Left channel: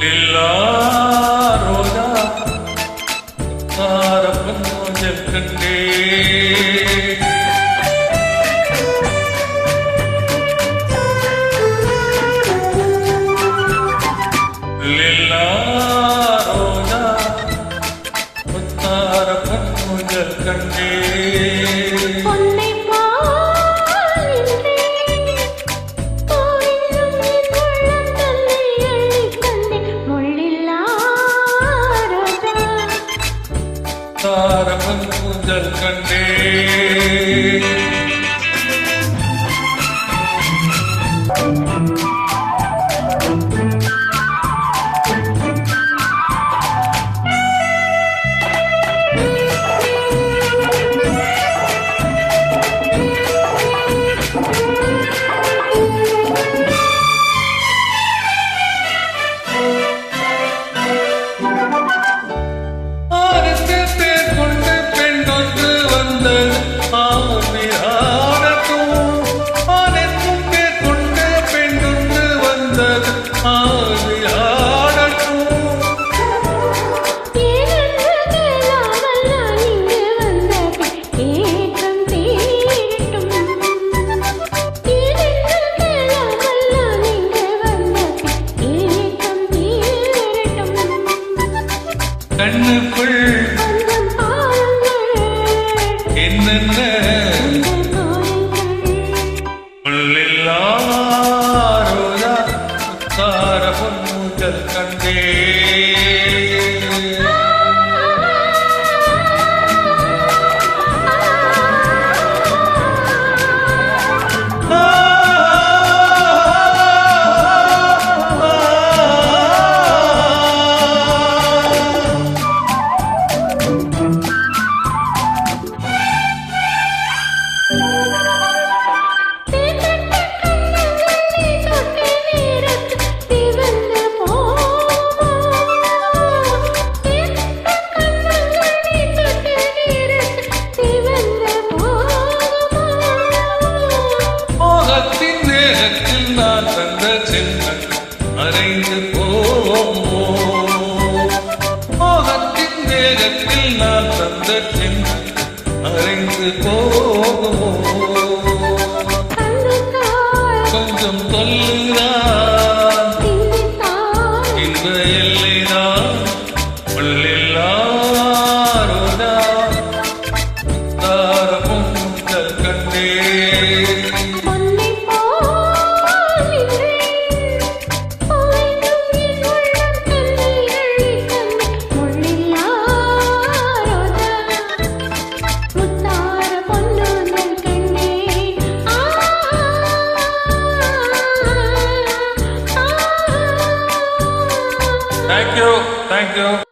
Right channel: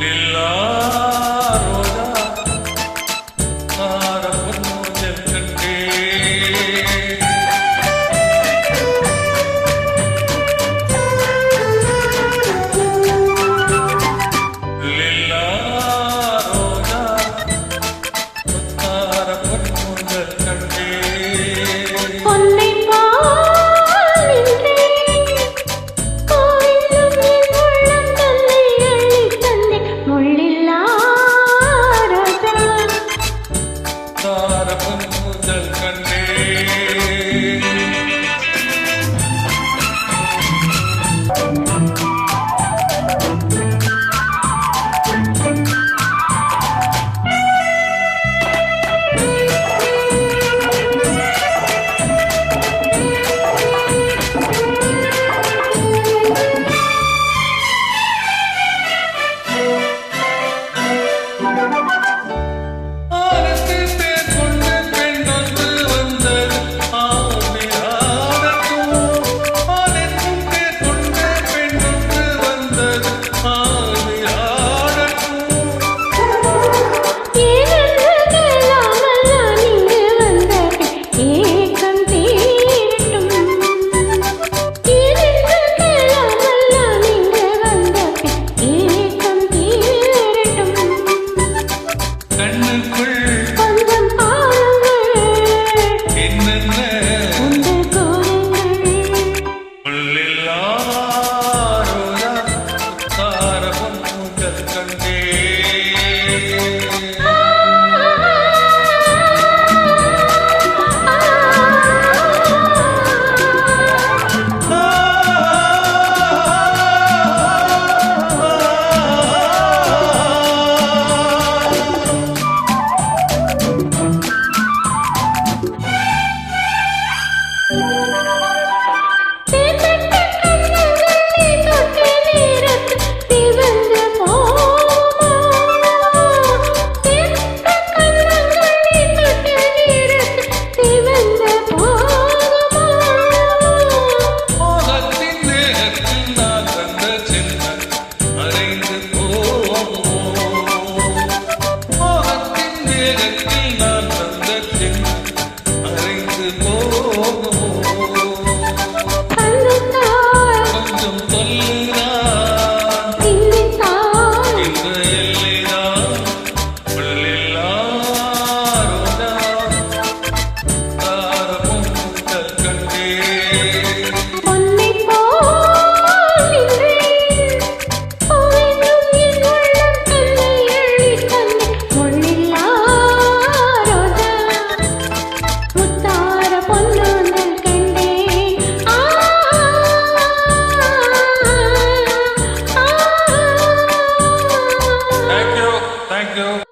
லில்லா ரோஜா தார பொன்னோஞ்சல் கண்டே லில்லா ரோஜா தார பொன்னோஞ்சல் கண்டே பொன்னை பால் நின்றே கோயிலும் என் உள்ளம் தன்னை அள்ளி தந்தே முள்ளில்லா ரோஜா தார பொன்னோஞ்சல் கண்டே கண்ணுக்குள் கொஞ்சம் பாருங்கள் என்னென்ன முள்ளில்லா ரோஜா தார பொன்னூஞ்சல் கண்டே தேகத்தில் நான் தந்த சின்னம் அறைந்து போகத்தின் தேகத்தில் நான் தந்த சின்னம் அறைந்து கொஞ்சம் தொல்லுதான் இந்த எல்லைதான் முள்ளில்லா ரோஜா தார பொன்னூஞ்சல் கண்டே Thank you.